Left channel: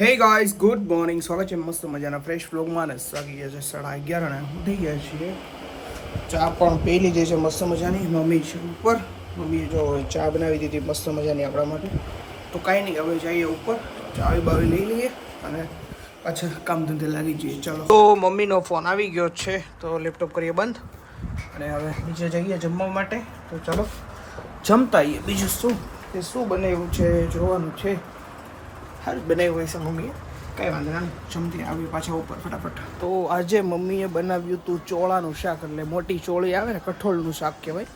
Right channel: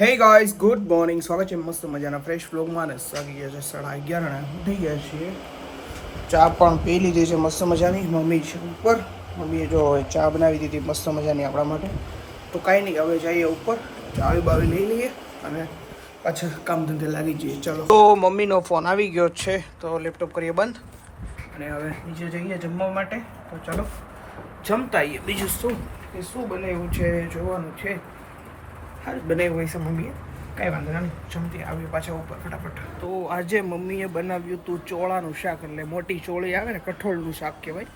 Hey guys good morning સ્વાગત છે મસ્ત મજાના ફ્રેશ વ્લોગમાં ને સાગી ગયા છે સાડા અગિયાર અને ઉઠી ગયા છીએ. ચા પણ પી લીધી છે મસ્ત મજાની. મમ્મી છે ઉપર. મમ્મીએ જો ચા બનાવી દીધી મસ્ત મજાની આપણા માટે. તો કાંઈ નહીં, હવે જઈએ ઉપર. ચાવી બાવી લઈ લઈએ અને પાછા કામ ધંધે લાગી જઈએ. ચલો. તો મમ્મીનો ફોન આવી ગયો છે, તો લેપટોપ કરીએ બંધ. અને હવે નીચે જઈએ જમવા માટે. તો ચાલો, જમતા આવીએ. બીજું શું? કે શું બનાવ્યું છે, જોવાનું છે. સારું બનાવી હોય છે મમ્મીએ. કંઈ વાંધો ના જમતી આવીએ પાછા ઉપર ફટાફટ. તો આજે મમ્મીએ બનાવ્યું હતું ચોળાનું શાક, એટલે મોટી ચોળી આવે ને, કઠોળનું શાક કહેવાય.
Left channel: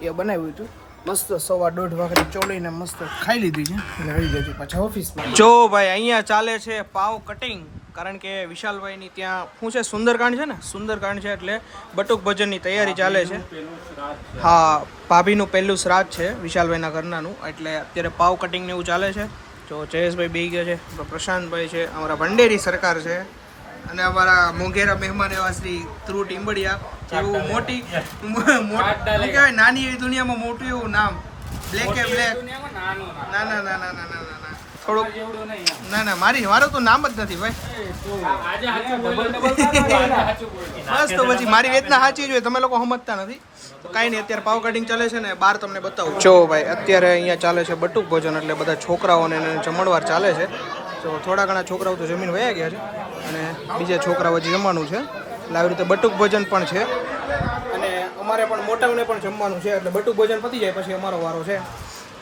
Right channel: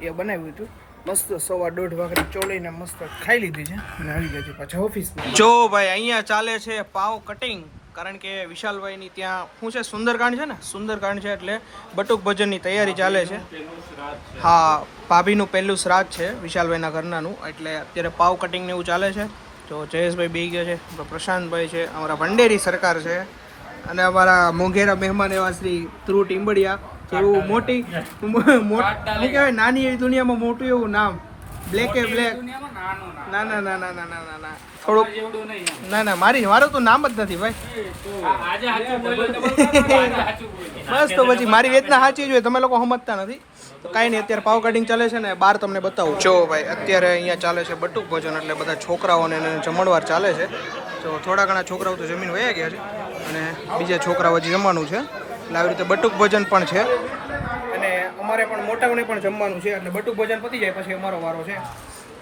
એ બનાવ્યું હતું. મસ્ત સવા દોઢ વાગે ચોળીને મસ્ત ખાઈ લીધી છે અને આવી ગયા પાછા ઓફિસમાં. જો ભાઈ, અહીંયા ચાલે છે પાવ કટિંગ. કારણ કે વિશાલભાઈની ત્યાં, શું છે, સુંદરકાંડ છે ને? સુંદરકાંડ છે એટલે બટુક ભજનની તૈયારી ચાલે છે. હા, ભાભીનું પહેલું શ્રાદ્ધ છે વિશાલભાઈના ઘરનાનું. એટલે અત્યારે પાવ કટિંગ ને એવું ચાલે છે. જો જયેશભાઈ બે ગયો છે આપણો પ્રશાંતભાઈ છે અમારા ભંડેરી સરકાર છે અને અમારા મોંઘેરા મહેમાન એવા શ્રી ધ્રુવ ટીમ્બડિયા જેવું મોટી કહેવાય નાની એવી દુનિયામાં મોટું એવું નામ. બ્લેક એ બ્લેક ના ના ના ના ના ના થોડુંક ના ના મારી મારું તો નામ જ નથી ભાઈ. બસ, તો પછી મારી વેતના સાચી જોઈએ. તમે લોકો સમજતા નથી. તો કાંઈ નહીં, અત્યારે પાવ કટિંગ ચાલે છે ને બહાર તમને બતાવું. જો ભાઈ, અત્યારે અહીંયા ચાલે છે બટુક ભોજન, એટલે બધા છોકરાઓને જમણવાર ચાલે છે. તો થોડા ઘણા છોકરાઓ તો જમીન વયા ગયા છે. અને બીજા છોકરાઓ હજી જમવાનું છે. એટલે આવી રીતે બટુક ભોજન પણ છે. અને અમારે પણ મોટાઓને પણ જમવાનું છે, એટલે બટુક ભોજન પતી જાય, પછી અમારો વારો છે.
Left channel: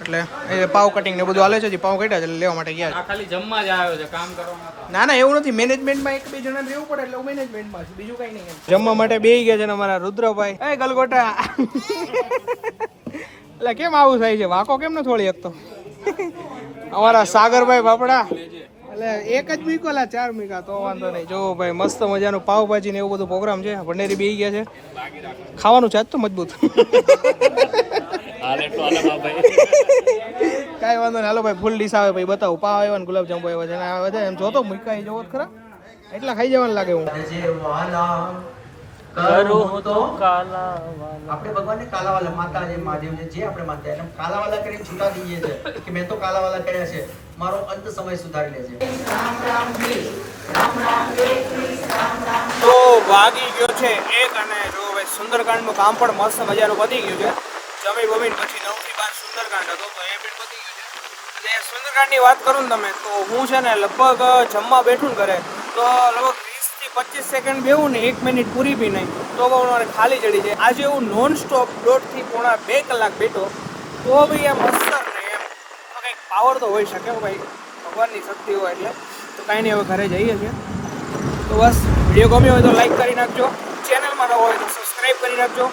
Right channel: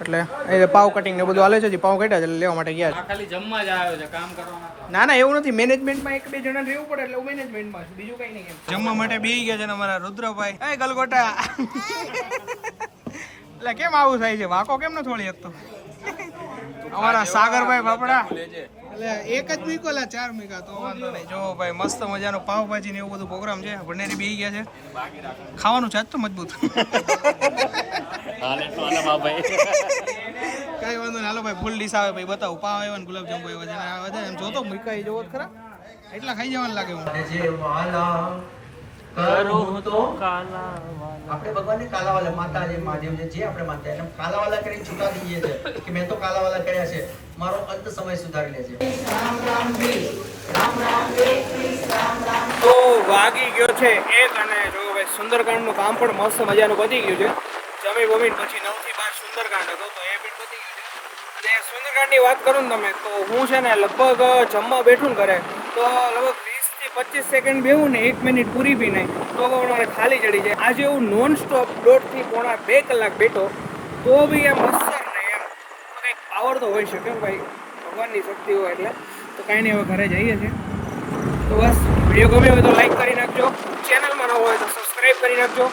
એટલે એ પાવ કટિંગ ને બધું હાલે છે જે પાવ કાઢ્યા છે એટલે લેવા માટે ગયા છે. ખાલી જમવા જ આવ્યો છે કામ કરવા ના ના એવું નથી. મેનેજમેન્ટમાં એક બે જણા રહેવું પડે એટલે હું મેનેજમેન્ટમાં છું. બીજું કઈ નહીં જમવા માટે બેહી ગયા છે ને અમારા રુદ્રભાઈ. એ ગલગોટા. એટલે કેમ આવું થાય છે? વાકો કેમ ન થોડી શકતો અમારા સાગરભાઈ બાપડા એટલે એક જ મીકોલા ચાર મીકા તો વાંધો નહીં. જો ભાઈ મસ્ત મજાનું પાવભાજી ને એવું બધું પ્રોગ્રામ છે. ભંડેરી બેહી ગયા છે. ખાવાનું છે તો મજબૂત. કાંઈ વાંધો નહીં. હાલો ભાઈ ફૂલ ડીશ આવે ભાઈ. બતાવું. પાવ આવ્યો ને ગુલાબ જાંબુ આવ્યો છે. અને આ બધા એમ જોતો મૂકાઈ જવો જ ખરા. એટલા ખાઈ જવાનું લાગે હું કરું તો આપણે ભગવાનને કાલાવાલા માતા જે મહાદેવ છે જે આપણે માનતા એને કાલાવાલા કરીને છૂટા દઈએ છે કે મેં તો કાલાવાલા કર્યા છે. મારો અંત સમય સુધારી લે છે. તો વાગી ગયો છે એક અને જો ભાઈ સુંદરકાંડનું કામ પણ મસ્ત મજાનું પતી ગયું છે. જમી બમીન પછી નવથી બાર સુંદરકાંડ હતો, તો એ પણ પતી અને સુંદરકાંડની વાત કરું ને તમે, તો હું છે ને લગભગ જમવા બેઠું ને ઘરે, તો લગભગ વીસથી પચીસ સેકન્ડ બેવું ને એક મિનિટ પૂરી બી નહીં તો મારે ખાલી ચડી જાય. આજે હું નોન સ્ટોપ દોઢથી પોણા બે કલાક બેઠો, તો બી એમ અસર નહીં એમ કંઈક પાવર તો હોઈ શકે ભાઈ. ભગવાનની શક્તિ હોય એટલે. તો કાંઈ નહીં, હવે ઘરે જઈએ છીએ. તો બસ વીડિયો ગમ્યો હોય તો લાઈક કરી નાખજો. ચેનલમાં નવો હોય તો સબસ્ક્રાઈબ કરી નાખજો.